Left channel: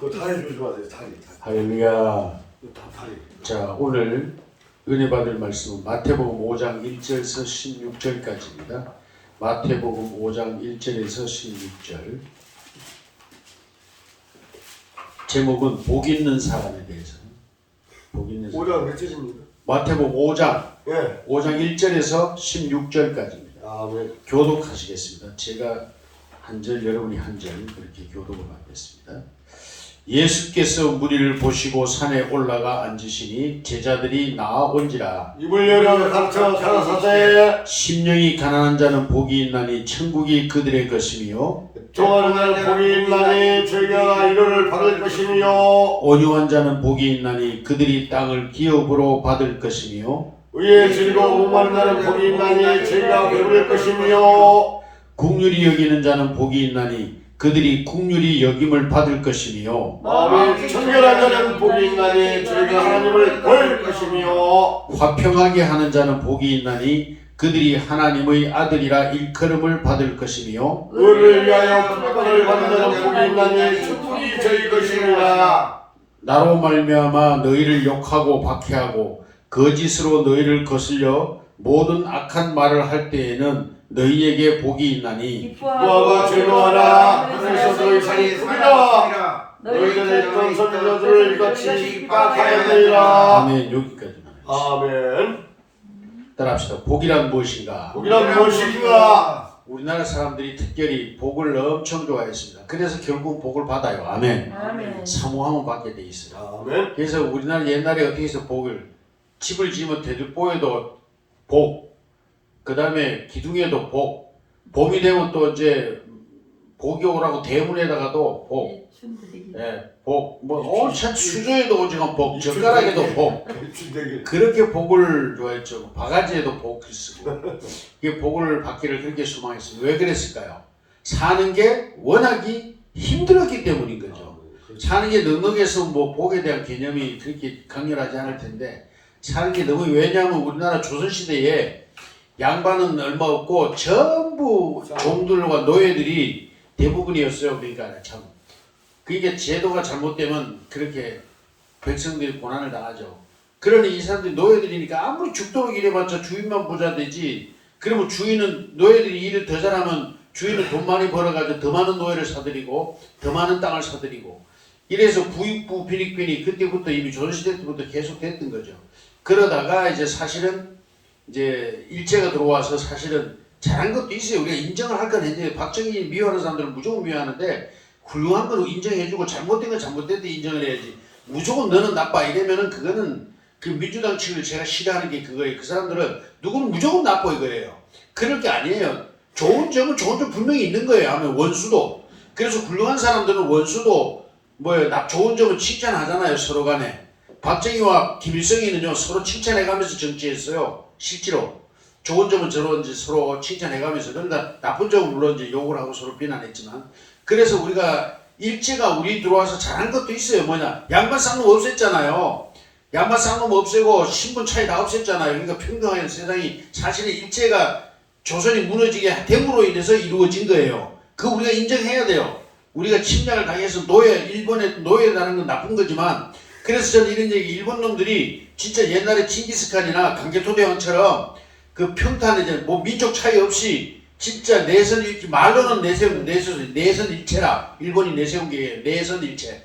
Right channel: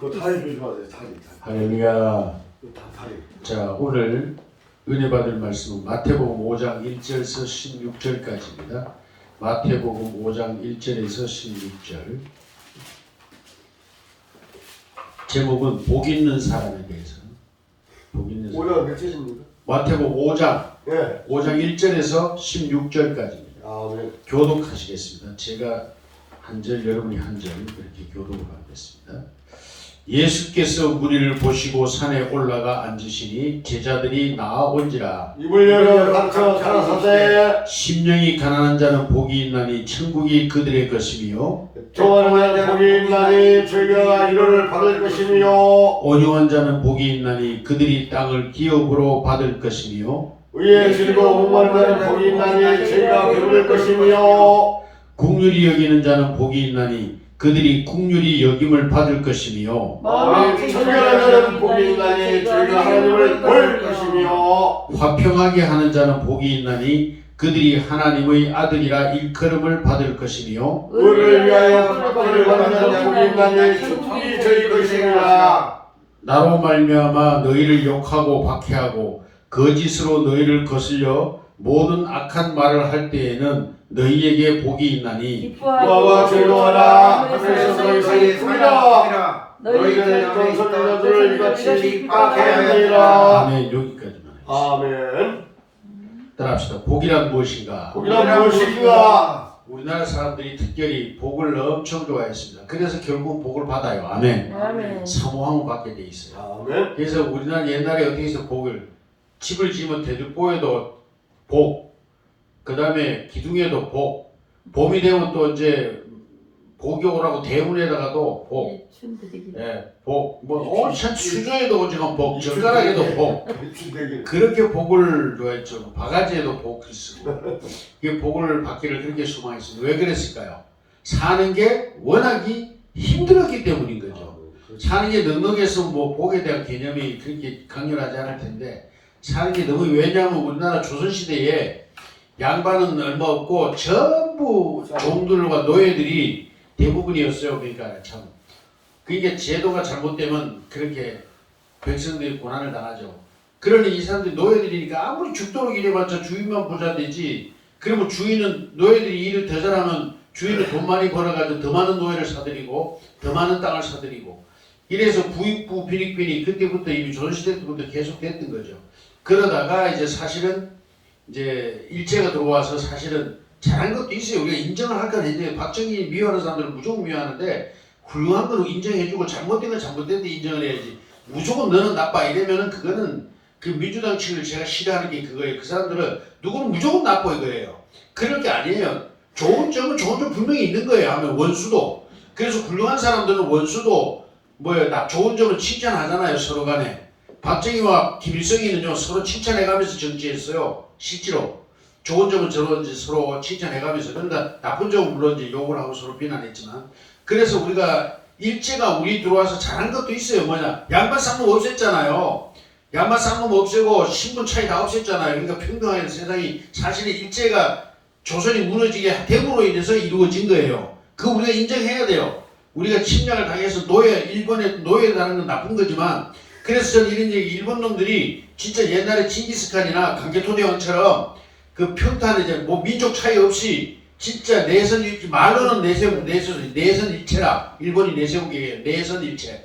그 다리 조심하세요. 다리. 할렐루야. 다 다리. 자, 오늘 은혜 받을 말씀은 마태복음 5장 1절에서 16절까지입니다. 마태복음 5장 1절에서 16절. 제목은 복 있는 사람에 대해서. 복 있는 사람. 5장 몇 절입니까? 마태복음 5장 예. 5장 1절에서 16절까지입니다. 아멘. 교독하시겠습니다. 제가 한 절, 여러분이 한 절 그렇게 교독을 하겠습니다. 예수께서 무리를 보시고 산에 올라가 앉으시니 제자들이 나아온지라. 입을 열어 가르쳐 가라사대. 심령이 가난한 자는 복이 있나니 천국이 그들의 것이며 좋아하는 자는 복이 있나니 저희가 이를 받을 것이며 온유한 자는 복이 있나니 그들이 땅을 기업으로 받을 것이며 의에 즐거워 목마른 자는 복이 있나니 저희가 배부를 것이며 국률이 여기는 자는 복이 있나니 그들이 국률이 여김을 받을 것이며 마음이 청결한 자는 복이 있나니 저희가 하나님을 볼 것이며 화평하게 하는 자는 복이 있나니 그들이 하나님의 아들이라 일컬음을 받을 것이며 의를 위하여 축복을 받는 자는 복이 있나니 축복이 저희 것입니다. 나로 말미암아 너희를 욕하고 박해하고 거짓으로 너희를 거슬려 모든 악한 말을 할 때에는 너희에게 복이 있나니 기뻐하고 즐거워하라. 하늘에서 너희 사이에 크리라. 너희들을 있던 선지자들을 이같이 박해하느니라. 아멘. 여기까지만 하겠습니다. 아멘. 따라합시다. 복이란 무엇인가? 복이란 무엇인가? 우리나라 사람들이 특별히 복을 엄청 좋아했습니다. 그래서 결국 복을 받아요. 아멘. 아멘. 사모하면 받게 돼 있어요. 아멘. 그래서 우리나라 옛날에 어떻게 해서 복을 집을 지으면 대들보에도 복, 그 다음에 기둥에도 복, 봄이 되면 또 이제 복이 오라고 대문에다가도 복, 예, 복, 뭐 온천 수조에도 오지만 복, 젓가락에도 복, 그렇게 복을 좋아했죠. 바가지에도 복을 쓰고, 이게 복을 받기를 그렇게 소망했습니다. 왜 그랬을까요? 사는 게 워낙이 힘들었기 때문인 거죠. 사는 게 넉넉해서 뭐 복에 대한 개념이 그렇게 강렬하지 않을 텐데, 사는 게 너무, 왜냐하면 우리나라 조선시대에 양반은 얼마 없고 전부 종들과 노예들이 대부분이었어요. 그러니까 참 그게 제도가 잘못되면 그렇게 백성들이 고난을 당하죠. 그러니 이 사람들이 노예들이니까 아무리 죽도록 일해봤자 주인만 부자 되지. 그러면 주인은 노예들이 일을 더 잘하면 주인은 돈 많이 벌어가지고 더 많은 노예를 사들이고 더 많은 땅을 사들이고, 이래서 부익부 빈익빈이 그때부터 이미 조선시대 때부터 계속 됐던 거죠. 그러다가 이제 사실은 이제 일제가 들어와서 사실은 잘한 것도 있어요. 우리가 인정을 할 건 이제 박정희 미워하는 사람들은 무조건 미워하는데, 훌륭한 건 인정해주고 잘못된 건 잘못된 데 인정을 해야지. 무조건 너는 나빠 이러면은 그거는 그 민주당 측을 제가 싫어하는 게 그거예요. 그 사람들은 누구는 무조건 나빠 이거예요. 그럴 게 아니에요. 좋은 점은 좋은 점 분명히 있는 거예요. 하면 원수도. 그래서 훌륭한 사람들은 원수도 좋은 점은 칭찬하잖아요. 서로 간에. 박정희와 김일성이는요 서로 칭찬해가면서 정치했어요. 실제로 좋은 점은 서로 칭찬해가면서, 그러니까 나쁜 점은 물론 이제 욕을 하고 서로 비난했지만, 그래서 우리가 일제가 우리 들어와서 잘한 것도 있어요. 뭐냐, 양반 쌍놈 없앴잖아요. 양반 쌍놈 없애고 신분 차이 다 없앴잖아요. 그러니까 평등한 세상이 사실은 일제가 조선이 무너지게 됨으로 인해서 이루어진 거예요. 그거 우리가 인정해야 돼요. 우리가 침략을 당해서 일본에 노예라는 건 나쁜 거지만, 그래서 저는 이런 얘기, 일본 놈들이 진짜 옛날에 칭기스칸이나 강제토대왕처럼 그 평탄에 뭐 민족 차이 없이 진짜 말로는 내선 일체라. 일본이 내세운 게 내선 일체.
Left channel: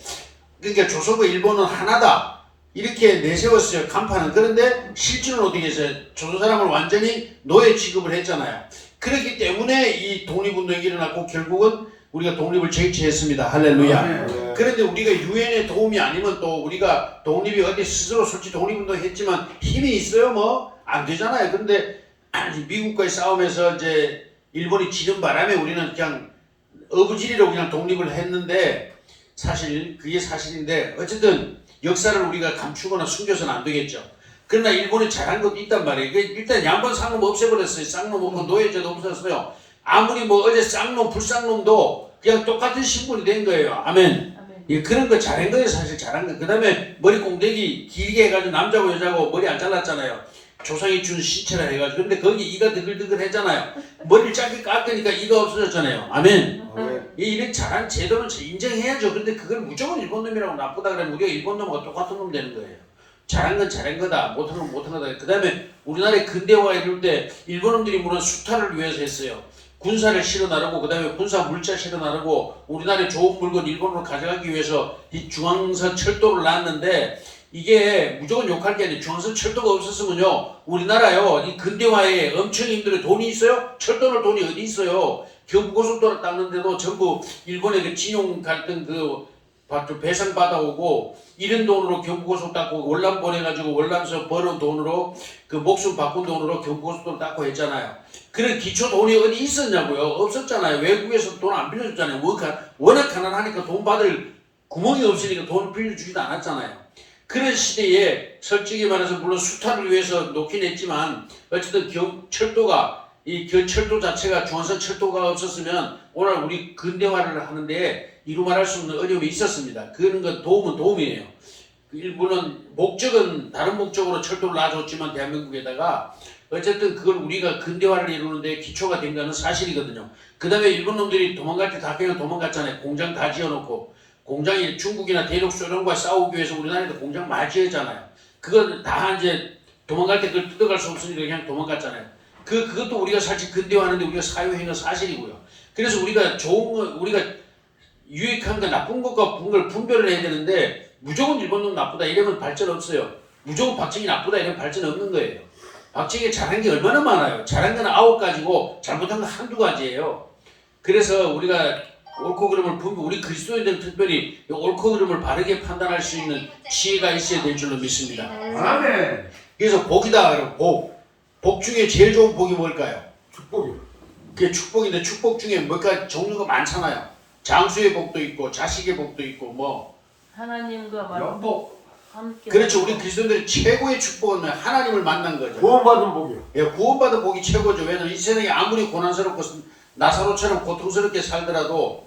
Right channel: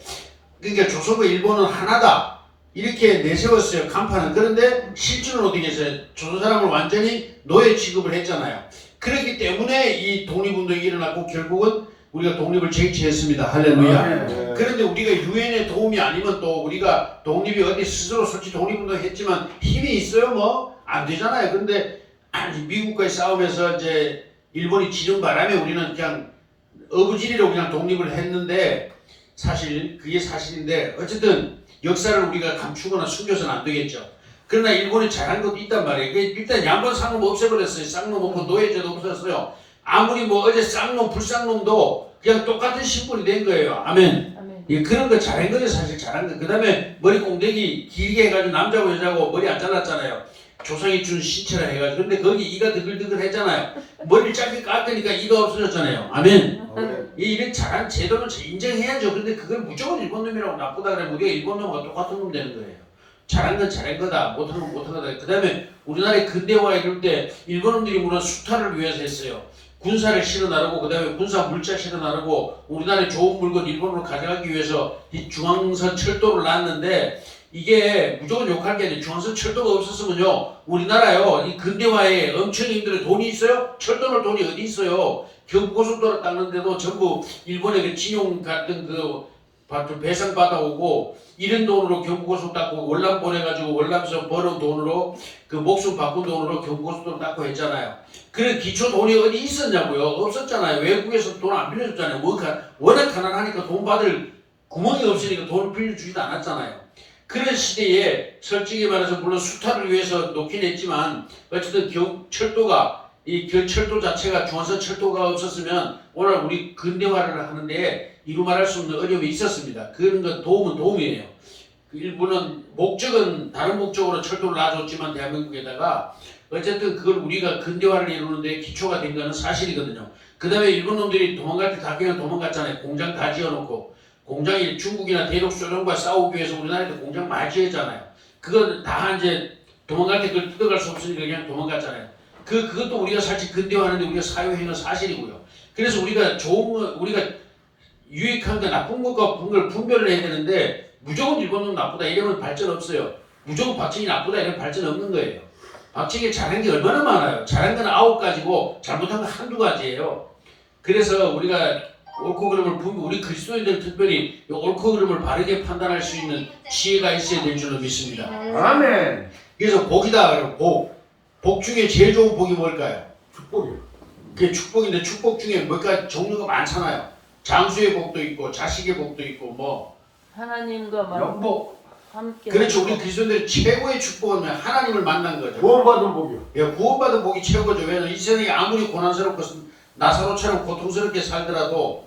그러니까 조선과 일본은 하나다. 이렇게 내세웠어요. 간판은. 그런데 실제로는 어떻게 했어요? 조선 사람을 완전히 노예 취급을 했잖아요. 그렇기 때문에 이 독립운동이 일어났고 결국은 우리가 독립을 쟁취했습니다. 할렐루야. 그런데 우리가 유엔의 도움이 아니면 또 우리가 독립이 어디 스스로 솔직히 독립운동 했지만 힘이 있어요? 뭐 안 되잖아요. 그런데 미국과의 싸움에서 이제 일본이 지는 바람에 우리는 그냥 어부지리로 그냥 독립을 했는데, 사실 그게 사실인데 어쨌든 역사를 우리가 감추거나 숨겨서는 안 되겠죠. 그러나 일본이 잘한 것도 있단 말이에요. 일단 양반 쌍놈 없애버렸어요. 쌍놈 없고 노예제도 없었어요. 아무리 뭐 어제 쌍놈 불쌍놈도 그냥 똑같은 신분이 된 거예요. 아멘. 예, 그런 거 잘한 거예요. 사실 잘한 거. 그 다음에 머리 꽁대기 길게 해가지고 남자고 여자고 머리 안 잘랐잖아요. 조상이 준 신체라 해가지고. 근데 거기 이가 드글드글 했잖아요. 머리를 짧게 깎으니까 이가 없어졌잖아요. 아멘. 이런 잘한 제도는 인정해야죠. 근데 그걸 무조건 일본 놈이라고 나쁘다 그러면 우리가 일본 놈과 똑같은 놈 되는 거예요. 잘한 건 잘한 거다. 못한 건 못한 거다. 그 다음에 우리나라의 근대화 이럴 때 일본 놈들이 물론 수탈을 위해서 했어요. 군사를 실어 나르고 그 다음에 군사 물자 실어 나르고 우리나라의 좋은 물건 일본으로 가져가기 위해서 이 중앙선 철도를 놨는데 이게 무조건 욕할 게 아니에요. 중앙선 철도가 없었으면요 우리나라요 이 근대화에 엄청 힘들어요. 돈이 있어요? 철도는 돈이 어디 있어요? 경부고속도로 닦는데도 전부 일본의 그 진용 갈등 그 배상 받아오고 이런 돈으로 경부고속 닦고 월남 보내가지고 월남에서 벌은 돈으로 그 목숨 바꾼 돈으로 경부고속도로 닦고 했잖아요. 그런 기초 돈이 어디 있었냐고요? 없었잖아요. 외국에서 돈 안 빌려줬잖아요. 워낙 가난하니까 돈 받을 구멍이 없으니까 돈을 빌려주지도 않았잖아요. 그런 시대에 솔직히 말해서 물론 수탈을 위해서 놓긴 했지만 어쨌든 철도가 이 철도 자체가 중앙선 철도가 없었으면 오늘 우리 근대화를 하는데 이루 말할 수 없는 어려움이 있었습니다. 그런 건 도움이에요. 일부는 목적은 다른 목적으로 철도를 놔줬지만 대한민국에다가 어쨌든 그걸 우리가 근대화를 이루는데 기초가 된 거는 사실이거든요. 그 다음에 일본 놈들이 도망갈 때 다 그냥 도망갔잖아요. 공장 다 지어놓고 공장이 중국이나 대륙 소련과 싸우기 위해서 우리나라에도 공장 많이 지었잖아요. 그건 다 이제 도망갈 때 그걸 뜯어갈 수 없으니까 그냥 도망갔잖아요. 그것도 우리가 사실 근대화하는데 우리가 사유행위 사실이고요. 그래서 우리가 좋은 거, 우리가 유익한 거 나쁜 것과 걸 분별을 해야 되는데 무조건 일본 놈 나쁘다 이러면 발전 없어요. 무조건 박정희 나쁘다 이러면 발전 없는 거예요. 박정희가 잘한 게 얼마나 많아요. 잘한 건 9가지고 잘못한 건 한두 가지예요. 그래서 우리가 옳고 그름을 우리 그리스도인들 특별히 옳고 그름을 바르게 판단할 수 있는 지혜가 있어야 될 줄로 믿습니다. 아멘. 그래서 복이다 그러고 복 중에 제일 좋은 복이 뭘까요? 축복이요. 그게 축복인데 축복 중에 몇 가지 종류가 많잖아요. 장수의 복도 있고 자식의 복도 있고 뭐 하나님과 영복. 함께. 그렇죠. 우리 그리스도인들 최고의 축복은 하나님을 만난 거죠. 구원받은 복이요. 예, 구원받은 복이 최고죠. 왜냐면 이 세상이 아무리 고난스럽고 나사로처럼 고통스럽게 살더라도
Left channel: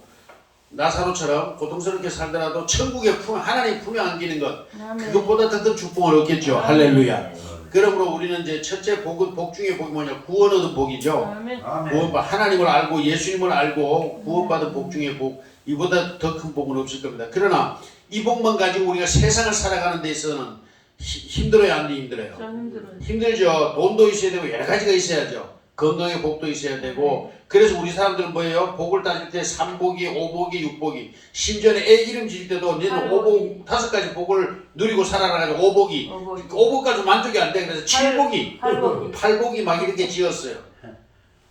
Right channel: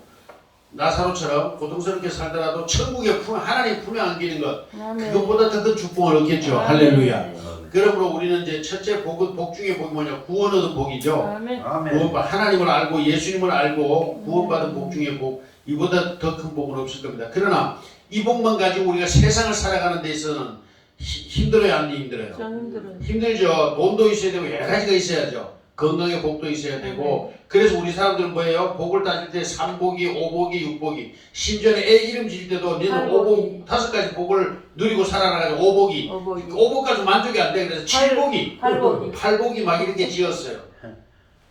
천국의 하나님 품에 안기는 것 그것보다 더 큰 축복을 얻겠죠. 할렐루야. 그러므로 우리는 이제 첫째 복은 복 중에 복이 뭐냐? 구원 얻은 복이죠. 아멘. 하나님을 알고 예수님을 알고 구원받은 복 중에 복 이보다 더 큰 복은 없을 겁니다. 그러나 이 복만 가지고 우리가 세상을 살아가는 데 있어서는 힘들어요, 안 힘들어요? 힘들죠. 돈도 있어야 되고 여러 가지가 있어야죠. 건강의 복도 있어야 되고 그래서 우리 사람들은 뭐예요? 복을 따질 때 3복이, 5복이, 6복이 심지어는 애 이름 지을 때도 너는 5복 5가지 복을 누리고 살아가지고 5복까지 만족이 안 돼. 그래서 7복이, 8복이 막 이렇게 지었어요.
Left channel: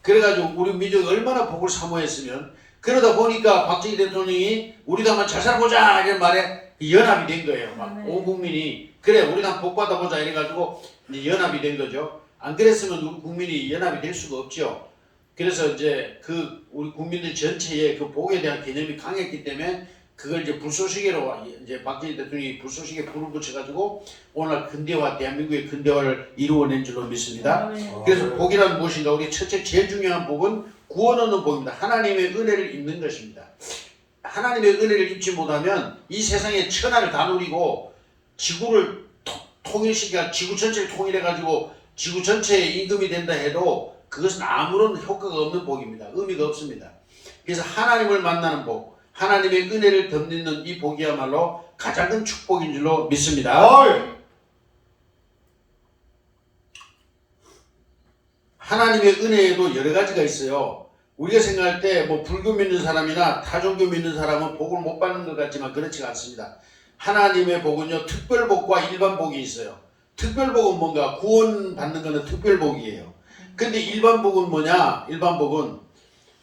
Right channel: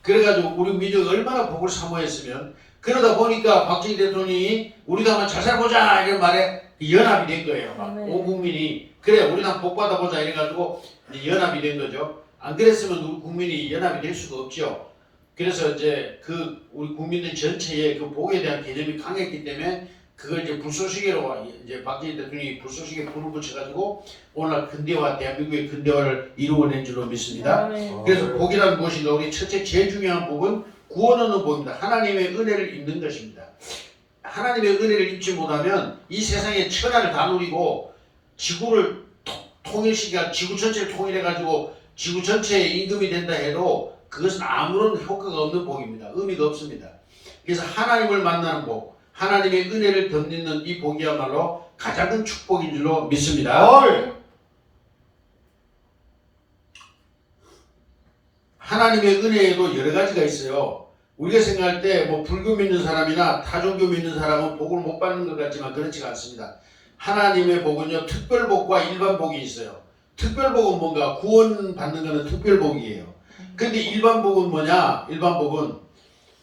그래가지고 우리 민족이 얼마나 복을 사모했으면 그러다 보니까 박정희 대통령이 우리도 한번 잘 살아보자 이런 말에 연합이 된 거예요. 막 온 국민이 그래 우리도 한번 복 받아보자 이래가지고 이제 연합이 된 거죠. 안 그랬으면 우리 국민이 연합이 될 수가 없죠. 그래서 이제 우리 국민들 전체의 그 복에 대한 개념이 강했기 때문에 그걸 이제 불쏘시개로 이제 박정희 대통령이 불쏘시개 불을 붙여가지고 오늘날 근대화 대한민국의 근대화를 이루어낸 줄로 믿습니다. 그래서 복이란 무엇인가? 우리 첫째 제일 중요한 복은 구원 얻는 복입니다. 하나님의 은혜를 입는 것입니다. 하나님의 은혜를 입지 못하면 이 세상의 천하를 다 누리고 지구를 통일시켜 지구 전체를 통일해가지고 지구 전체의 임금이 된다 해도 그것은 아무런 효과가 없는 복입니다. 의미가 없습니다. 그래서 하나님을 만나는 복, 하나님의 은혜를 덧입는 이 복이야말로 가장 큰 축복인 줄로 믿습니다. 하나님의 은혜에도 여러 가지가 있어요. 우리가 생각할 때 뭐 불교 믿는 사람이나 타종교 믿는 사람은 복을 못 받는 것 같지만 그렇지가 않습니다. 하나님의 복은요 특별복과 일반복이 있어요. 특별복은 뭔가 구원받는 것은 특별복이에요. 근데 일반복은 뭐냐? 일반복은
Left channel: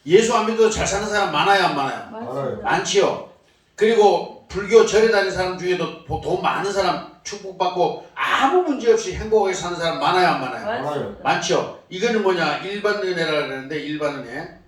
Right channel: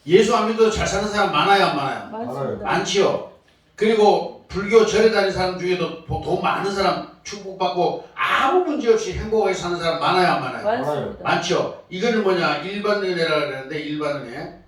예수 안 믿어도 잘 사는 사람 많아요, 안 많아요? 많지요. 그리고 불교 절에 다니는 사람 중에도 돈 많은 사람 축복받고 아무 문제 없이 행복하게 사는 사람 많아요, 안 많아요? 많죠. 이거는 뭐냐? 일반 은혜라 그러는데 일반 은혜.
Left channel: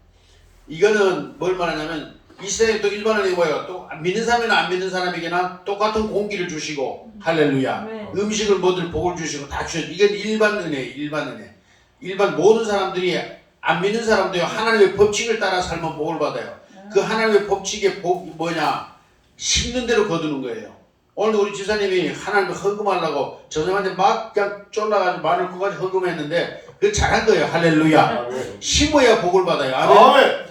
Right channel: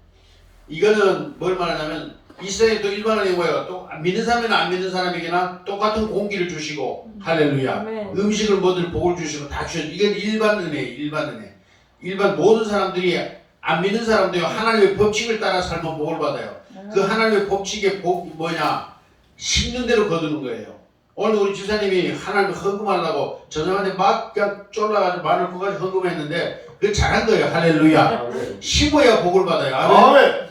이거는 뭘 말하냐면 이 세상에 또 일반 은혜가 뭐예요? 또 믿는 사람이나 안 믿는 사람에게나 똑같은 공기를 주시고 할렐루야. 음식을 뭐들 복을 주시고 다 주셔. 이건 일반 은혜, 일반 은혜. 일반 모든 사람들이 안 믿는 사람도요 하나님의 법칙을 따라 살면 복을 받아요. 그 하나님의 법칙의 복이 뭐냐? 심는 대로 거두는 거예요. 오늘 우리 집사님이 하나님을 헌금하려고 저 사람한테 막 그냥 쫄라가지고 마늘 9가지 헌금했는데 그거 잘한 거예요. 할렐루야. 심어야 복을 받아요. 아멘.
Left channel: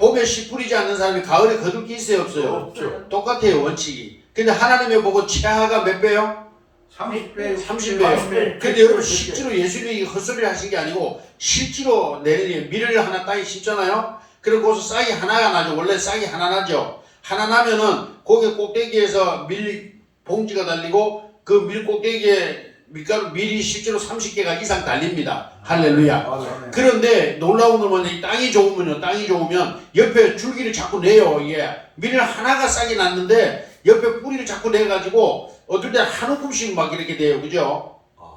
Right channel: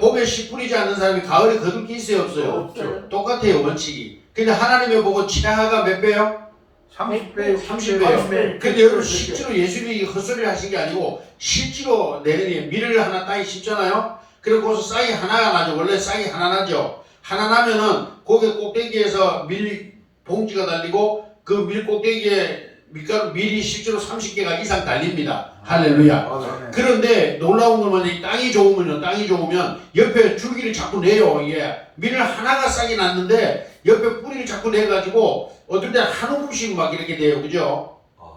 봄에 씨 뿌리지 않는 사람이 가을에 거둘 게 있어요, 없어요? 없죠. 똑같아요, 원칙이. 근데 하나님의 복은 최하가 몇 배요? 30배, 30배요. 근데 여러분 실제로 예수님이 헛소리를 하신 게 아니고 실제로 내리니 밀을 하나 땅에 심잖아요. 그리고 거기서 싹이 하나가 나죠. 원래 싹이 하나 나죠. 하나 나면은 거기 꼭대기에서 밀 봉지가 달리고 그 밀 꼭대기에 밀이 실제로 30개가 이상 달립니다. 할렐루야. 그런데 놀라운 건 뭐냐, 땅이 좋으면 옆에 줄기를 자꾸 내요. 이게 밀을 하나가 싹이 났는데 옆에 뿌리를 자꾸 내가지고 어떨 때는 한 움큼씩 막 이렇게 돼요. 그죠?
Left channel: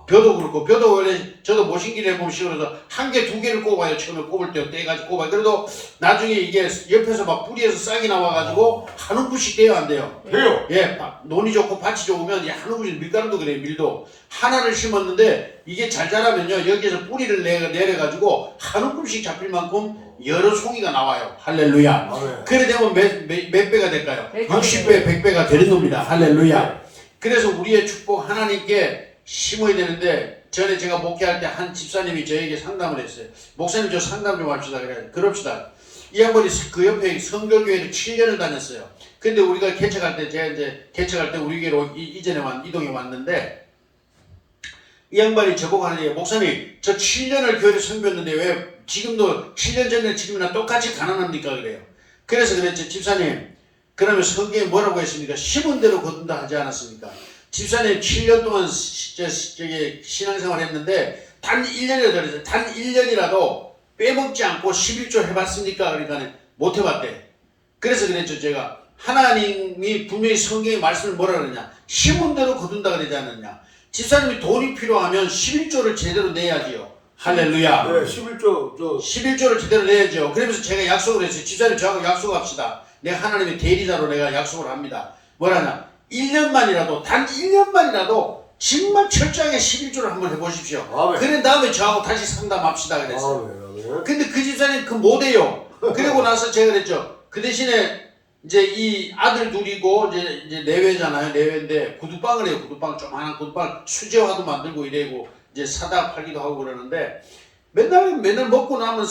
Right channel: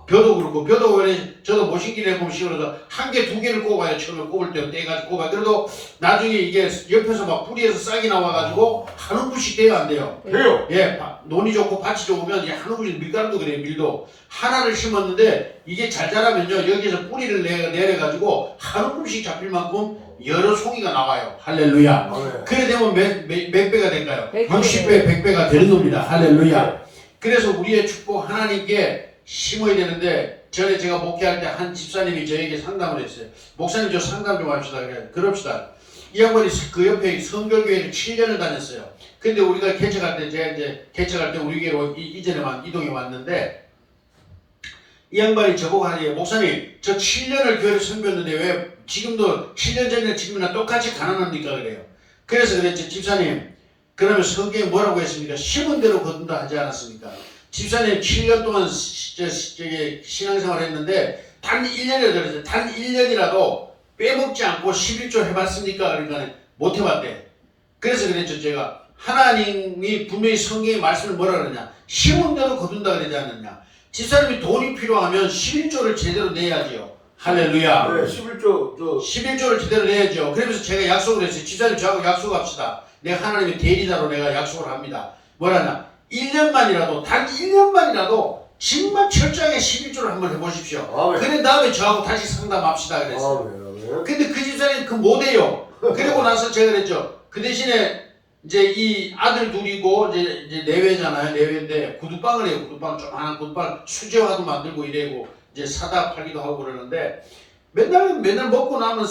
벼도 그렇고, 벼도 원래 저도 모신기를 해보면 시골에서 한 개, 두 개를 꼽아요. 처음에 꼽을 때 떼가지고 꼽아요. 그래도 나중에 이게 옆에서 막 뿌리에서 싹이 나와가지고 한 움큼씩 돼요, 안 돼요? 돼요. 예, 논이 좋고 밭이 좋으면 한 움큼씩 밀가루도 그래요, 밀도. 하나를 심었는데 이게 잘 자라면요, 여기에서 뿌리를 내려가지고 한 움큼씩 잡힐 만큼 여러 송이가 나와요. 할렐루야. 그래 되면 몇 배가 될까요? 60배, 100배가 되는 겁니다. 할렐루야. 그래서 우리의 축복 하나님께 심어야 되는데, 전에 제가 목회할 때 한 집사님이 저에게 상담을 했어요. 목사님 저 상담 좀 합시다. 그래. 그럽시다. 이 양반이 그 옆에 성결교회를 7년을 다녔어요. 근데 우리가 개척할 때, 제가 이제 개척할 때 우리 교회로 이전에 이동해 왔는데, 이 양반이 저보고 하는 게, 목사님 저 7년을 교회를 섬겼는데 왜 지금도 7년 전에 지금이나 똑같이 가난합니까? 그래요. 그래서 그랬죠. 집사님, 그러면 성경에 뭐라고 했습니까? 심은 대로 거둔다 하지 않았습니까? 집사님 7년 동안 신앙생활 했는데 단 1년이라도 그랬어요. 단 1년이라도 빼먹지 않고 11조 해봤습니까? 그러니까 못 해봤대. 그래서 그랬죠. 제가 하나님이 분명히 성경의 말씀을 뭐라 그러냐, 심은 대로 거둔다 그러지 않느냐. 집사님이 돈이 필요하면 11조를 제대로 내야지요. 할렐루야. 네, 11조를 제대로 내야죠. 그러면서 제가 약속을 했어요. 집사님 저하고 약속합시다. 내가 하나님의 대리자로 내가 약속을 합니다. 뭐라냐, 1년만이라도, 단 1년만이라도 정말 철저하게 11조를 한번 해보십시오. 그런 다음에 저하고 다시 상담합시다 그랬어요. 근데 그 집사님 그 못해요. 그리고 나서 제가 그랬죠. 그 대신에 이제 이 아들 둘이고 이제 내외잖아요. 내외인데 구두방을 해요. 구두방, 좀 하나 구두방 수제화도 만들고 이래고 이제 사다 팔기도 하고 그러는데, 맨날 먹고 나면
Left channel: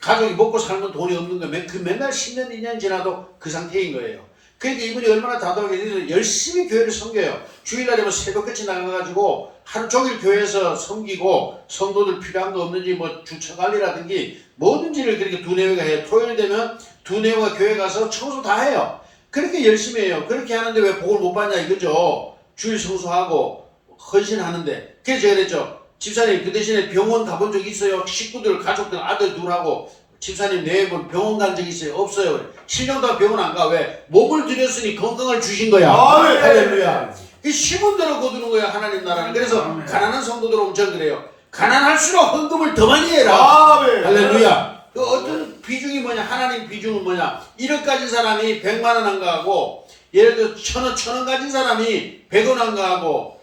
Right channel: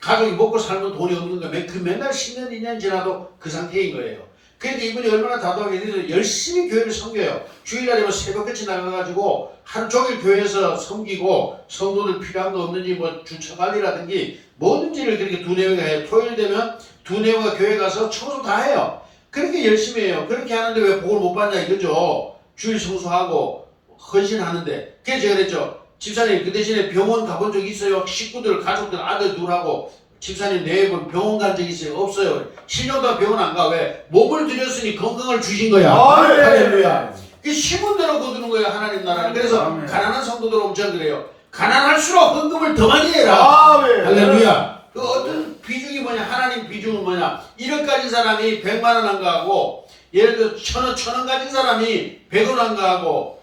가족이 먹고 살면 돈이 없는 거예요. 그 맨날 10년, 2년 지나도 그 상태인 거예요. 그러니까 이분이 얼마나 다독하게 열심히 교회를 섬겨요. 주일날이면 새벽같이 나가가지고 하루 종일 교회에서 섬기고, 성도들 필요한 거 없는지 뭐 주차관리라든지 뭐든지를 그렇게 두뇌가 해요. 토요일 되면 두뇌가 교회 가서 청소 다 해요. 그렇게 열심히 해요. 그렇게 하는데 왜 복을 못 받냐 이거죠. 주일 청소하고 헌신하는데. 그래서 제가 그랬죠. 집사님 그 대신에 병원 가본 적 있어요? 식구들, 가족들, 아들 둘하고 집사님 네 분 병원 간 적 있어요? 없어요. 7년 동안 병원 안 가. 왜? 몸을 들였으니 건강을 주신 거야. 할렐루야. 이 심은 대로 거두는 거야, 하나님 나라는. 그래서 가난한 성도들 엄청 그래요. 가난할수록 헌금을 더 많이 해라. 할렐루야. 그 어떤 비중이 뭐냐, 하나님 비중은 뭐냐, 1억 가진 사람이 100만 원 안 가하고, 예를 들어 1,000원 가진 사람이 100원 안 가하고,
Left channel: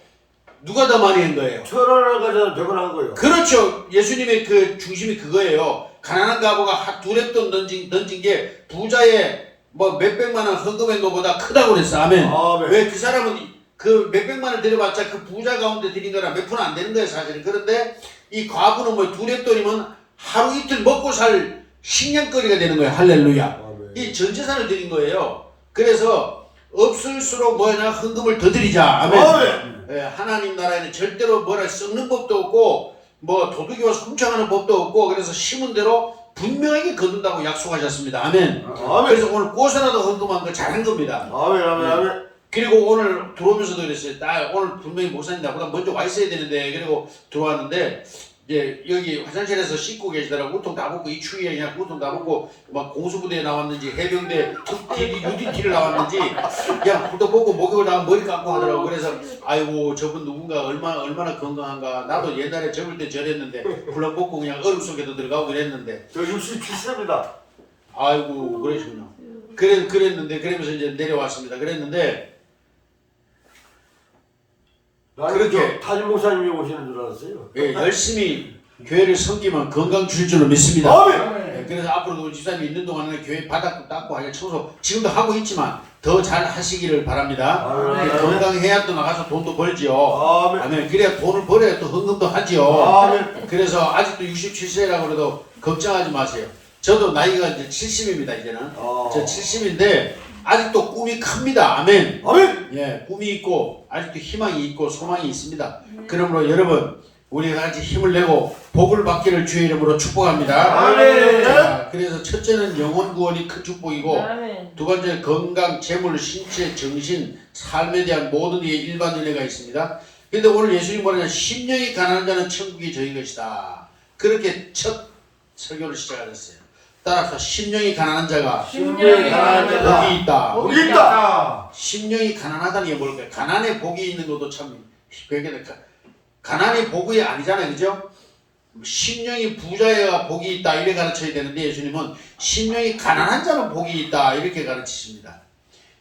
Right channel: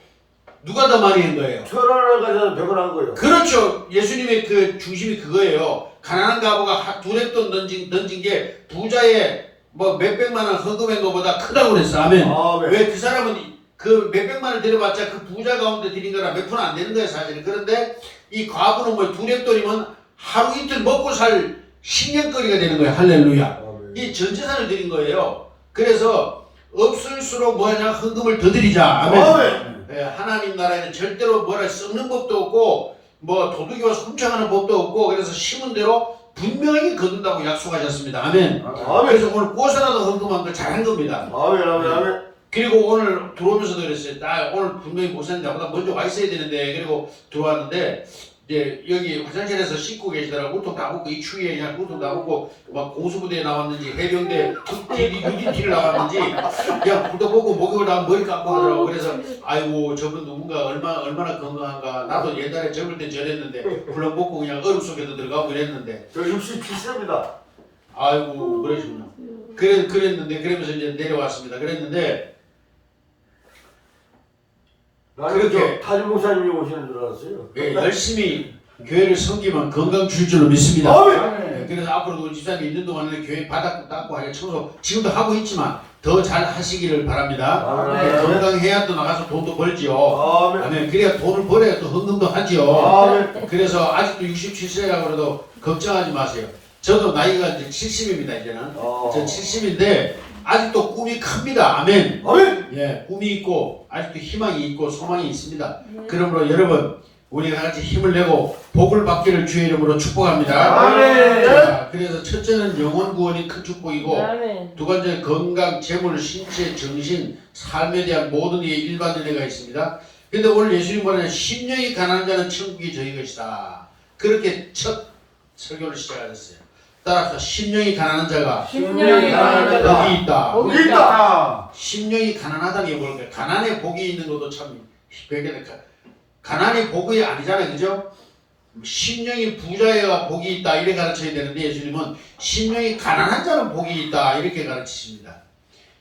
누가 더 많이 한 거예요? 1,000원을 가져다 100원 한 거예요. 그렇죠. 예수님의 그 중심이 그거예요. 가난한 가부가 두랩돈 던진 게 부자의 뭐 몇백만 원 헌금한 것보다 크다고 그랬어. 아멘. 왜? 그 사람은 그 몇백만 원 들여봤자 그 부자 가운데 드린 거랑 몇 푼 안 되는 거예요, 사실은. 그런데 이 과부는 뭐 두랩돈이면 하루 이틀 먹고 살 식량거리가 되는 거예요. 할렐루야. 이 전 재산을 드린 거예요. 그래서 없을수록 뭐냐, 헌금을 더 드리자. 아멘. 예, 하나님 나라에는 절대로 뭐라 썩는 법도 없고 뭐 도둑이 와서 훔쳐가는 법도 없고, 그래서 심은 대로 분명하게 거둔다고 약속하셨습니다. 아멘. 그래서 오늘 꼬셔라도 헌금한 거 잘한 겁니다. 아멘. 그리고 오늘 들어오면서도 그랬어요. 나 오늘 분명히 목사님 나보다 먼저 와 있어야 되는데, 그리고 들어왔는데 이제 여기 화장실에서 씻고 계시더라고. 우통 다 벗고, 이 추위에 그냥 우통 다 벗고 막 공수부대에 나왔는지 해병대 특기 UDT를 나왔는지 그냥 불도 벗고 목욕을 다 머리 감고 하더라고. 그래서 아이고 저분 누군가 얼마나 건강한가. 나도 옛날에 젊을 때 저랬는데 불랑 벗고 그냥 얼음 속에도 들어가고 이랬는데. 저 67세입니다. 아이고 그러시군요. 그랬는데 그러면서 이제 내려왔습니다. 그랬는데 그렇게 타지 목사님이 오시는 줄 알았어요. 예, 열심히 교회를 섬기면 건강 줄 줄로 믿습니다. 예, 그래서 앞으로도 우리 집사님이 있는 동안에 교회 바닥도 닦고 하게 청소 지금도 하고 있지만 더 잘 하시기를 바랍니다. 아멘. 건강해야 또 나가서 돈도 벌지요. 아멘. 아멘. 그래야 돈을 벌어야 또 헌금도 하지요. 아멘. 그래서 아직도 67세라고 그래도 걱정하지 마세요. 저도 나이가 이제 70입니다. 이제는 저 70인데 아직도 꿈이 큽니다. 아멘. 아멘. 예, 꿈이 있고 아직도 희망이 있고 소망이 있습니다. 그러므로 여러분 우리가 같이 힘을 내고 복을 받기를 주의 이름으로 축복합니다. 아멘. 자, 그래서 첫째는 영혼 구원이 큰 축복이고 아멘. 두 번째는 건강, 재물, 신체, 정신, 삶에 대한 모든 이의 일반 은혜가 있습니다. 근데 오늘 예수님 말하는 심령이 가난한 자는 천국이 저희 것이다. 그렇게 첫 설교를 시작하셨어요. 따라서 심령이 가난한 자가 심령이 가난한 자가 복이 있다. 복이 있다. 심령이 가난하다는 게 뭘까요? 가난에 복이 있는 것도 참 가난이 복이 아니잖아요. 그죠? 심령이 부자여야 복이 있다 이렇게 가르쳐야 되는데 예수님은 심령이 가난한 자는 복이 있다 이렇게 가르치십니다.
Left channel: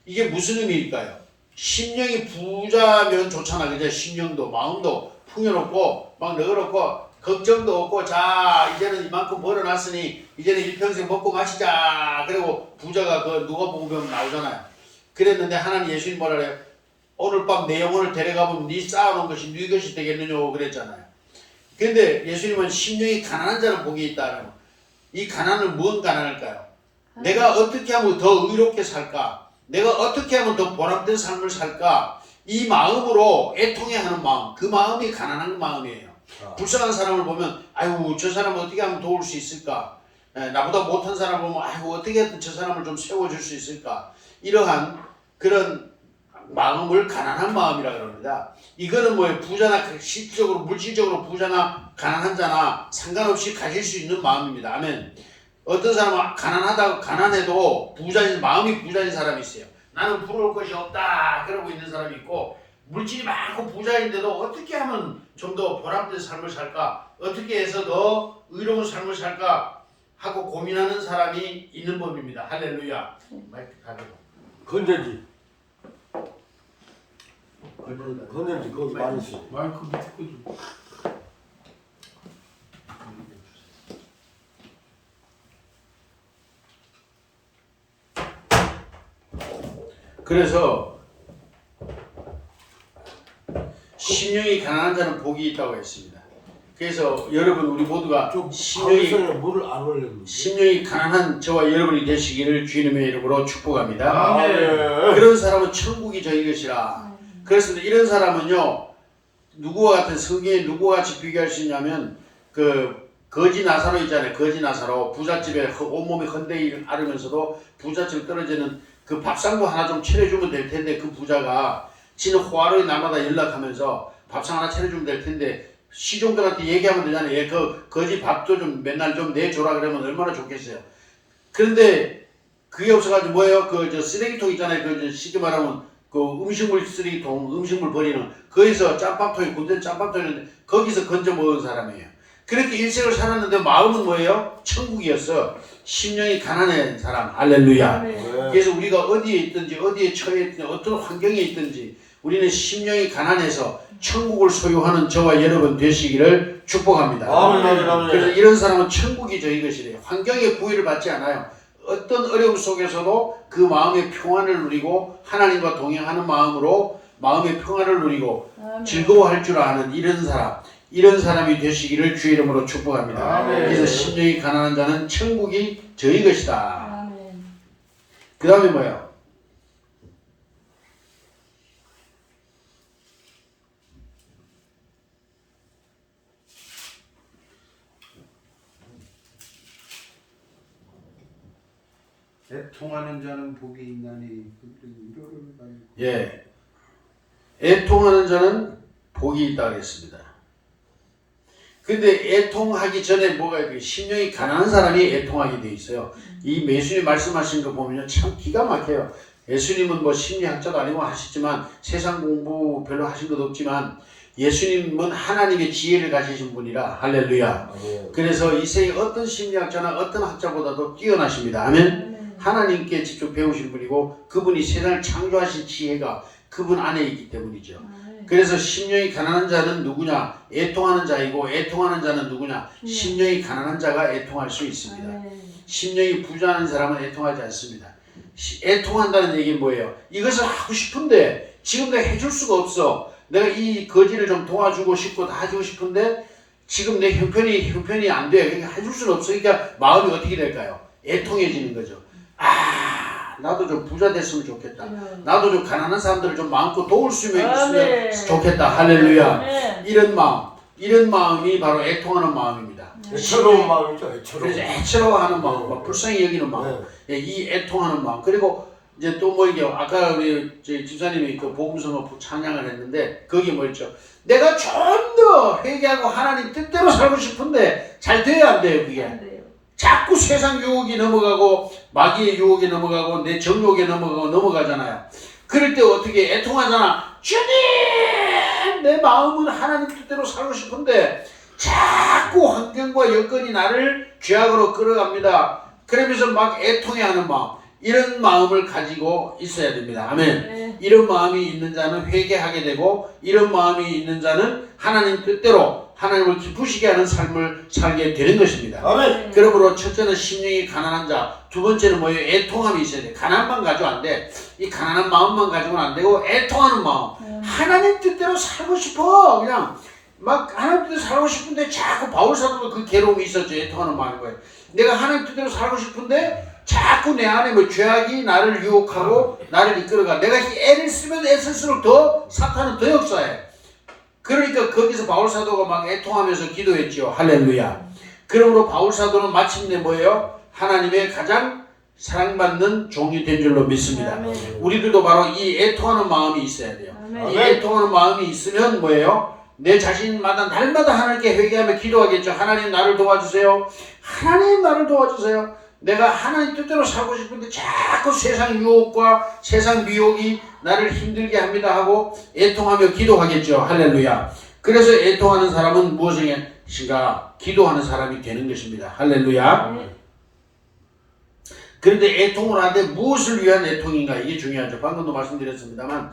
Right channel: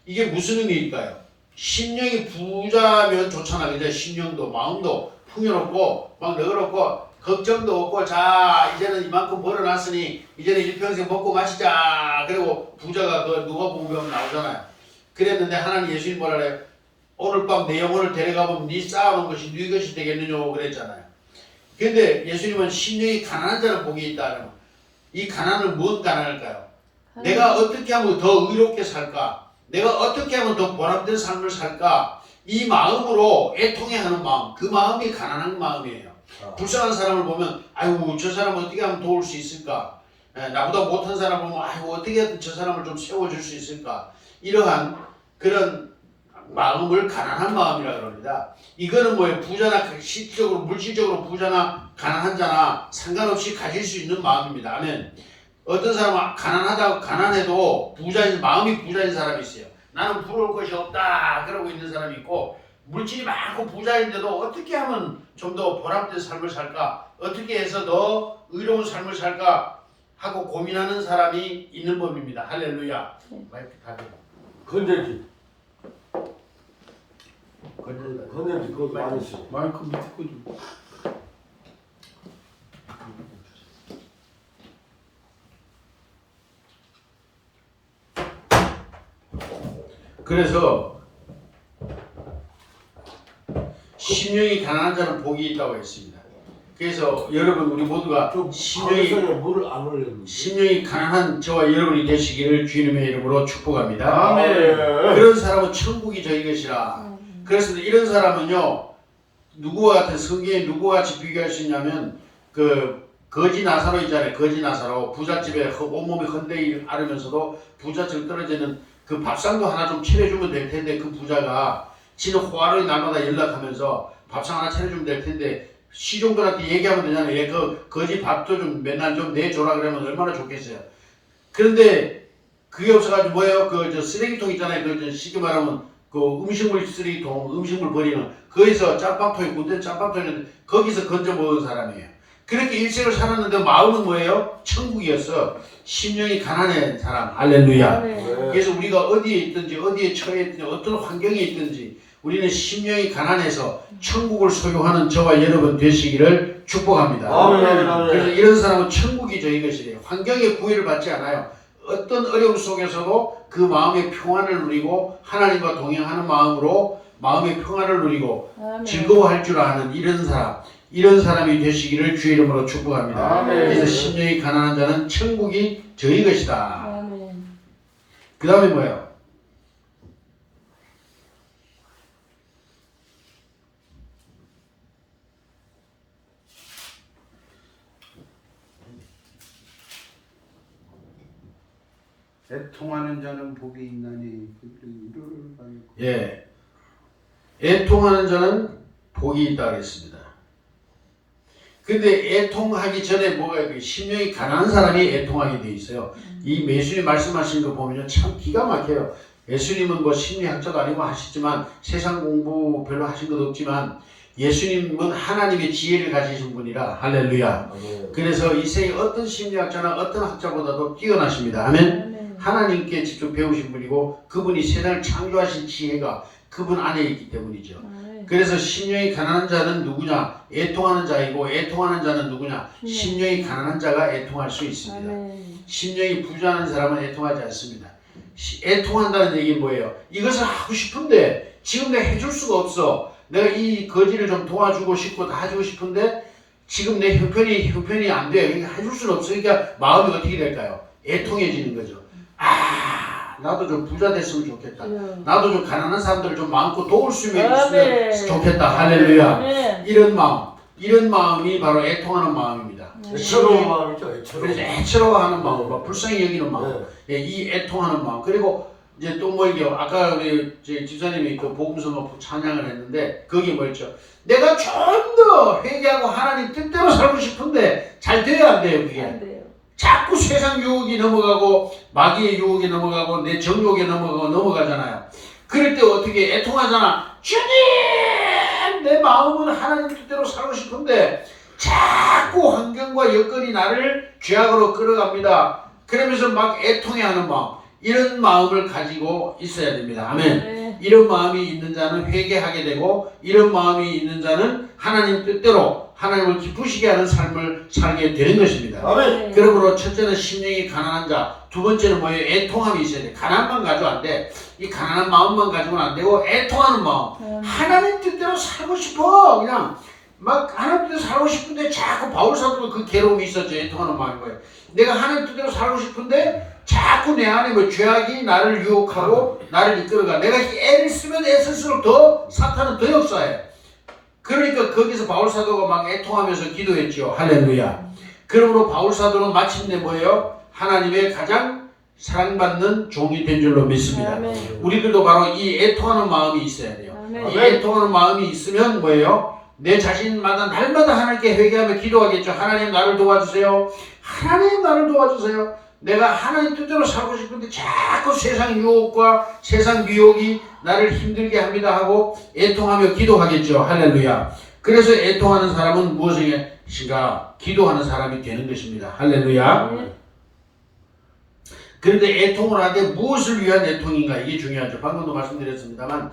이게 무슨 의미일까요? 심령이 부자면 좋잖아. 그죠? 심령도 마음도 풍요롭고 막 너그럽고 걱정도 없고 자 이제는 이만큼 벌어놨으니 이제는 일평생 먹고 마시자. 그리고 부자가 그 누가 보면 나오잖아요. 그랬는데 하나님 예수님 뭐라 그래요? 오늘 밤 내 영혼을 데려가보면 네 쌓아놓은 것이 네 것이 되겠느냐고 그랬잖아요. 근데 예수님은 심령이 가난한 자는 복이 있다는 이 가난은 무슨 가난일까요? 내가 어떻게 하면 더 의롭게 살까? 내가 어떻게 하면 더 보람된 삶을 살까? 이 마음으로 애통해하는 마음, 그 마음이 가난한 마음이에요. 불쌍한 사람을 보면 아이고 저 사람을 어떻게 하면 도울 수 있을까? 나보다 못한 사람을 보면 아이고 어떻게 하든 저 사람을 좀 세워줄 수 있을까? 이러한 그런 마음을 가난한 마음이라 그럽니다. 이거는 뭐예요? 부자나 실질적으로 물질적으로 부자나 가난한 자나 상관없이 가질 수 있는 마음입니다. 아멘. 어떤 사람은 가난하다고 가난해도 부자인 마음이 부자인 사람이 있어요. 나는 부러울 것이 없다 그러고 있는 사람이 있고 물질이 많고 부자인데도 어떻게 하면 좀 더 보람된 삶을 살까? 어떻게 해서 더 의로운 삶을 살까? 하고 고민하는 사람이 있는 법입니다. 할렐루야. 마이크 가지고. 건전지. 건전지 그거 많이 써. 마이크 밑에 거 좀. 그래서 심령이 가난한 자는 복이 있다고 했습니다. 그래서 여러분 우리 모두가 좀 심령이 물을 안 올렸는데. 심령이 가난한 저와 여러분이 되시기를 주님의 이름으로 축복합니다. 아멘. 그런 사람은 천국이 저희 것이라. 그래서 이런 사람은요 누구와 같은 성경에 누구와 같이 비교할 수 있냐면 그 거지 나사로 있잖아요. 거지 나사로 부잣집에 온몸이 헌데이 앓으면서도 부잣집 떨어지는 그 밥상도 하나 좀 차려주면 될 텐데 그 부자가 지는 호화로이 날마다 연락하면서 밥상 하나 차려주면 될 텐데 시종들한테 얘기하면 되잖아요. 얘 그 거지 밥도 좀 맨날 좀 내줘라 그러면 얼마나 좋겠어요. 그런데 그게 없어가지고 뭐예요? 그 저 쓰레기통 있잖아요. 그 쉽게 말하면 그 음식물 쓰레기통, 음식물 버리는 거기서 짬밥통이 군대 짬밥통이 있는데 거기서 건져 먹은 사람이에요. 그렇게 일생을 살았는데 마음은 뭐예요? 천국이었어. 심령이 가난한 사람. 할렐루야. 그래서 우리가 어디에 있든지 어디에 처해 있든지 어떤 환경에 있든지 우리는 심령이 가난해서 천국을 소유하는 저와 여러분 되시기를 축복합니다. 그래서 이런 사람은 천국이 저희 것이래요. 환경에 구애를 받지 않아요. 어떤 어려움 속에서도 그 마음의 평안을 누리고 하나님과 동행하는 마음으로 마음의 평안을 누리고 즐거워할 줄 아는 이런 사람이 되시기를 주의 이름으로 축복합니다. 아멘. 그래서 심령이 가난한 자는 천국이 저희 것이다. 아멘. 그 다음에 뭐예요? 애통하는 자는 복이 있나니 이르를 말고. 예, 애통하는 자는 복이 있다 그랬습니다. 근데 애통하기 전에 뭐가 있어요? 심령이 가난한 사람이 애통하게 돼 있어요. 이 예수님 말씀하신 거 보면 참 기가 막혀요. 예수님은 뭐 심리학자도 아니고 하시지만 세상 공부 별로 하신 것도 없지만 예수님은 하나님의 지혜를 가지신 분이라 할렐루야. 그래서 이 세계 어떤 심리학자나 어떤 학자보다도 뛰어나십니다. 아멘. 하나님께 직접 배우신 분이고 그분이 세상을 창조하신 지혜가 그분 안에 있기 때문이죠. 그래서 심령이 가난한 자는 누구냐? 애통하는 자이고 애통하는 자는 누구냐? 심령이 가난한 자가 애통할 수 있습니다. 심령이 부자한 사람은 애통하지 않습니다. 애통한다는 얘기는 뭐예요? 이것을 하고 싶은데 지금 내가 해줄 수가 없어. 내가 이 거지를 좀 도와주고 싶고 다 해주고 싶은데 지금 내 형편이 안 돼. 그러니까 해줄 수는 없어. 그러니까 마음이 어떻게 될까요? 애통해지는 거죠. 아, 나도 좀 부자 됐으면 좋겠다. 나도 좀 가난한 사람들을 좀 마음껏 도울 수 있으면 좋겠다. 할렐루야. 이런 마음이 바로 애통하는 마음입니다. 애처로운 마음이죠. 그래서 애처로워하는 마음, 불쌍히 여기는 마음, 이 애통하는 마음. 그리고 이제 또 뭐 이게 아까 우리 집사님이 그 복음서 찬양을 했는데 거기 뭐였죠? 내가 좀 더 회개하고 하나님 뜻대로 살고 싶은데 잘 돼야 안 돼요 그게. 자꾸 세상 유혹이 넘어가고 마귀의 유혹이 넘어가고 내 정욕에 넘어가잖아요. 그럴 때 어떻게 애통하잖아. 주님, 내 마음은 하나님 뜻대로 살고 싶은데 자꾸 환경과 여건이 나를 죄악으로 끌어갑니다. 그러면서 막 애통해하는 마음, 이런 마음을 가지고 있어야 됩니다. 아멘. 이런 마음이 있는 자는 회개하게 되고 이런 마음이 있는 자는 하나님 뜻대로 하나님을 기쁘시게 하는 삶을 살게 되는 것입니다. 아멘. 그러므로 첫째는 심령이 가난한 자, 두 번째는 뭐예요? 애통함이 있어야 돼. 가난만 가지고 안 돼. 이 가난한 마음만 가지고는 안 되고 애통하는 마음. 하나님 뜻대로 살고 싶어. 그냥 막 하나님 뜻대로 살고 싶은데 자꾸 바울 사도도 그 괴로움이 있었죠. 애통하는 마음인 거예요. 내가 하나님 뜻대로 살고 싶은데 자꾸 내 안에 뭐 죄악이 나를 유혹하고 나를 이끌어가. 내가 애를 쓰면 애쓸수록 더 사탄은 더 역사해. 그러니까 거기서 바울 사도가 막 애통하면서 기도했죠. 할렐루야. 그러므로 바울 사도는 마침내 뭐예요? 하나님의 가장 사랑받는 종이 된 줄로 믿습니다. 우리들도 바로 이 애통하는 마음이 있어야 돼요. 이 애통하는 마음이 있으면 뭐예요? 내 자신마다 날마다 하나님께 회개하며 기도하겠죠. 하나님 나를 도와주세요. 하나님 나를 도와주세요. 내가 하나님 뜻대로 살고 싶은데 자꾸 세상 유혹과 세상 미혹이 나를 힘들게 합니다 하고 애통하며 기도하겠죠. 할렐루야. 그래서 애통하는 사람은 무엇인가? 기도하는 사람이 되는 것입니다. 할렐루야. 그런데 애통을 하되 무엇을 위한 애통인가? 이게 중요하죠. 방금도 말씀드렸습니다만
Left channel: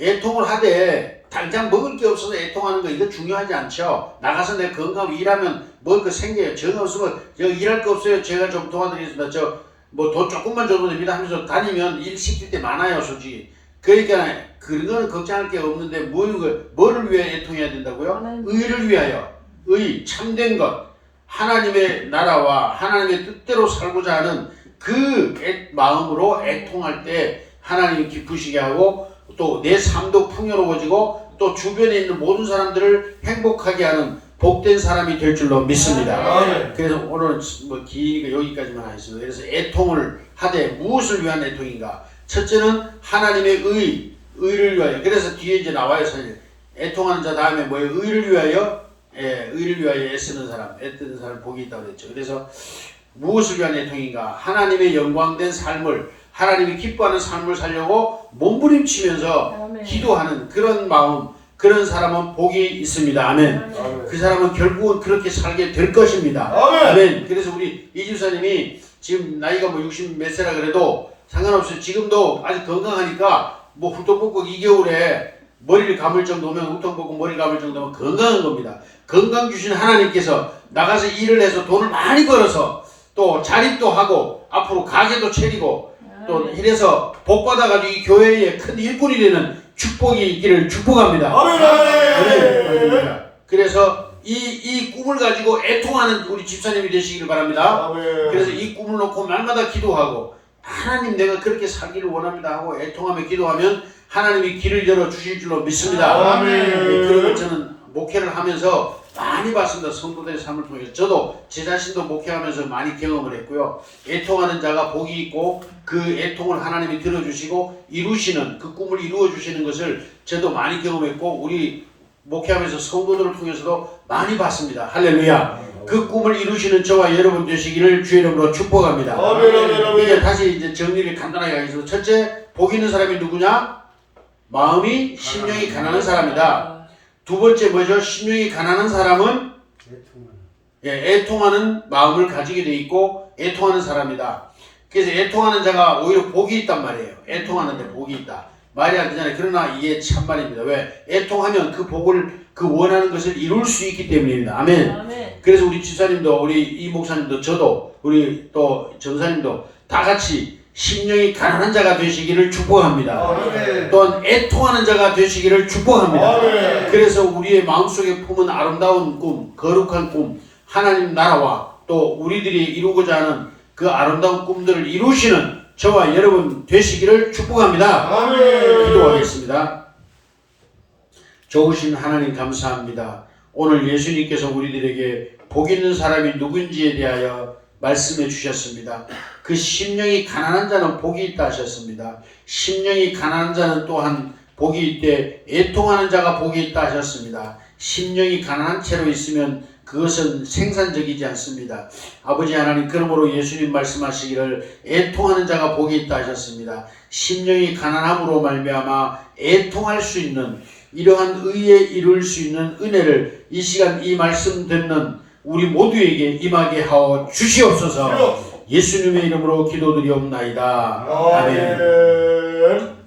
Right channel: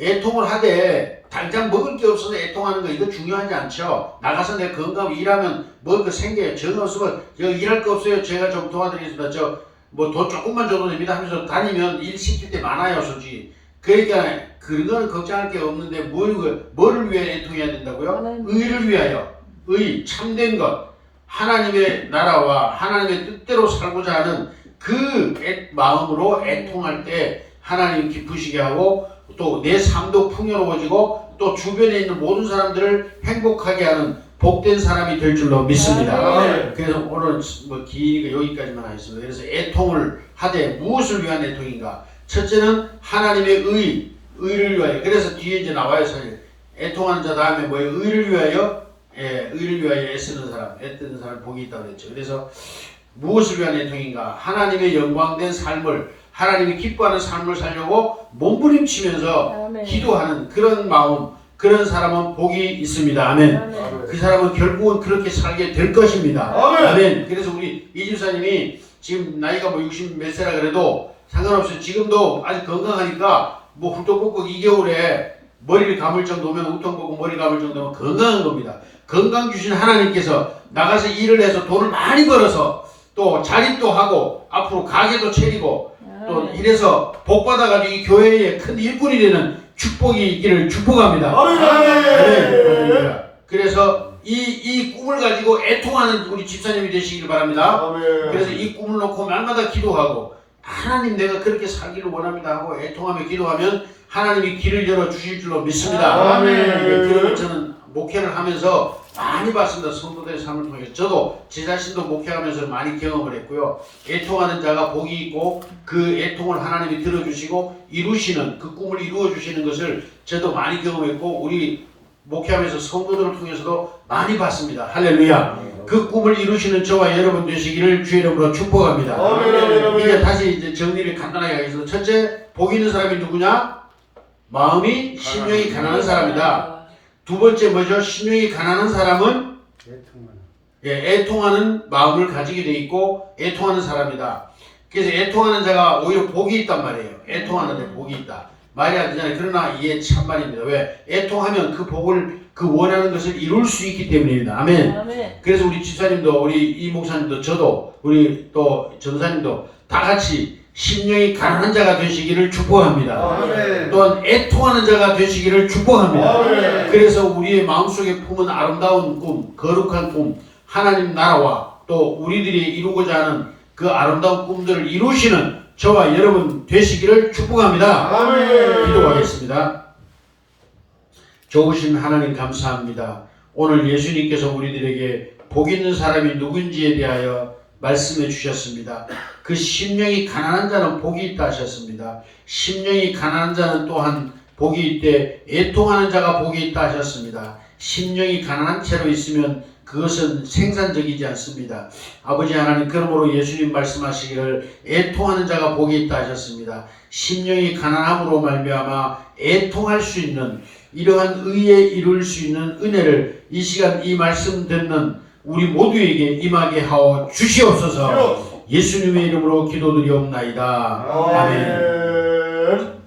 애통을 하되 당장 먹을 게 없어서 애통하는 거 이거 중요하지 않죠. 나가서 내 건강 일하면 먹을 거 생겨요. 전 없으면 저 일할 거 없어요. 제가 좀 도와드리겠습니다. 저 뭐 돈 조금만 줘도 됩니다 하면서 다니면 일 시킬 때 많아요, 솔직히. 그러니까 그런 거는 걱정할 게 없는데 뭐를 위해 애통해야 된다고요? 의를 위하여. 의, 참된 것. 하나님의 나라와 하나님의 뜻대로 살고자 하는 그 마음으로 애통할 때 하나님 기쁘시게 하고 또 내 삶도 풍요로워지고 또 주변에 있는 모든 사람들을 행복하게 하는 복된 사람이 될 줄로 믿습니다. 그래서 오늘 뭐 길게 여기까지만 하겠습니다. 그래서 애통을 하되 무엇을 위한 애통인가? 첫째는 하나님의 의를 위하여. 그래서 뒤에 이제 나와요. 사실 애통하는 자 다음에 뭐예요? 의를 위하여. 의를 위하여 애쓰는 사람 복이 있다고 그랬죠. 그래서 무엇을 위한 애통인가? 하나님의 영광된 삶을, 하나님이 기뻐하는 삶을 살려고 몸부림치면서 기도하는 그런 마음, 그런 사람은 복이 있습니다. 아멘. 그 사람은 결국은 그렇게 살게 될 것입니다. 아멘. 그래서 우리 이집사님이 지금 나이가 뭐 60 몇 세라 그래도 상관없어요. 지금도 아직 건강하니까 뭐 훌떡볶고 이 겨울에 머리를 감을 정도면 훌떡볶고 머리 감을 정도면 건강한 겁니다. 건강 주신 하나님께서 나가서 일을 해서 돈을 많이 벌어서 또 자립도 하고 앞으로 가게도 차리고 또 이래서 복 받아가지고 이 교회의 큰 일꾼이 되는 축복이 있기를 축복합니다. 아멘. 그래서 이 꿈을 가지고 애통하는 우리 집사님이 되시길 바랍니다. 그래서 이 꿈을 놓고 날마다 기도하고 하나님 내가 그렇게 살기를 원합니다 하고 애통하며 기도하면 하나님이 길을 열어 주실 줄로 믿습니다. 그런 걸 저는 목회를 하면서 많이 봤습니다. 성도들의 삶을 통해서. 저도 제 자신도 목회하면서 많이 경험을 했고요. 애통하는 자가 복이 있고 그 애통을 하나님이 들어주시고 이루시는, 그 꿈을 이루어주시는 것을 저도 많이 경험했고 우리 목회하면서 성도들을 통해서도 많이 봤습니다. 할렐루야. 그 꿈을 이루시는 저와 여러분 되시기를 주의 이름으로 축복합니다. 이제 다시 이제 정리를 간단하게 하겠습니다. 첫째, 복 있는 사람이 누구냐? 마음이 심령이 가난한 사람이다. 두 번째 뭐죠? 심령이 가난한 사람은 애통하는 마음을 가지게 돼 있고 애통하는 사람이다. 그래서 애통하는 자가 오히려 복이 있단 말이에요. 애통하는데 복이 있다. 말이 안 되잖아요. 그러나 이게 참말입니다. 왜? 애통하면 그 복을, 그 원하는 것을 이룰 수 있기 때문입니다. 아멘. 그래서 우리 집사님도, 우리 이 목사님도, 저도, 우리 또 전사님도 다 같이 심령이 가난한 자가 되시기를 축복합니다. 아멘. 또한 애통하는 자가 되시기를 축복합니다. 아멘. 그래서 우리의 마음속에 품은 아름다운 꿈, 거룩한 꿈, 하나님 나라와 또 우리들이 이루고자 하는 그 아름다운 꿈들을 이루시는 저와 여러분 되시기를 축복합니다. 아멘. 기도하겠습니다. 좋으신 하나님 감사합니다. 오늘 예수님께서 우리들에게 복 있는 사람이 누군지에 대하여 말씀해 주셨습니다. 그 심령이 가난한 자는 복이 있다 하셨습니다. 심령이 가난한 자는 또한 복이 있되 애통하는 자가 복이 있다 하셨습니다. 심령이 가난한 채로 있으면 그것은 생산적이지 않습니다. 아버지 하나님, 그러므로 예수님 말씀하시기를 애통하는 자가 복이 있다 하셨습니다. 심령이 가난함으로 말미암아 애통할 수 있는 이러한 의에 이룰 수 있는 은혜를 이 시간 이 말씀 듣는 우리 모두에게 임하게 하여 주시옵소서. 예수님의 이름으로 기도드리옵나이다. 아멘. 아멘.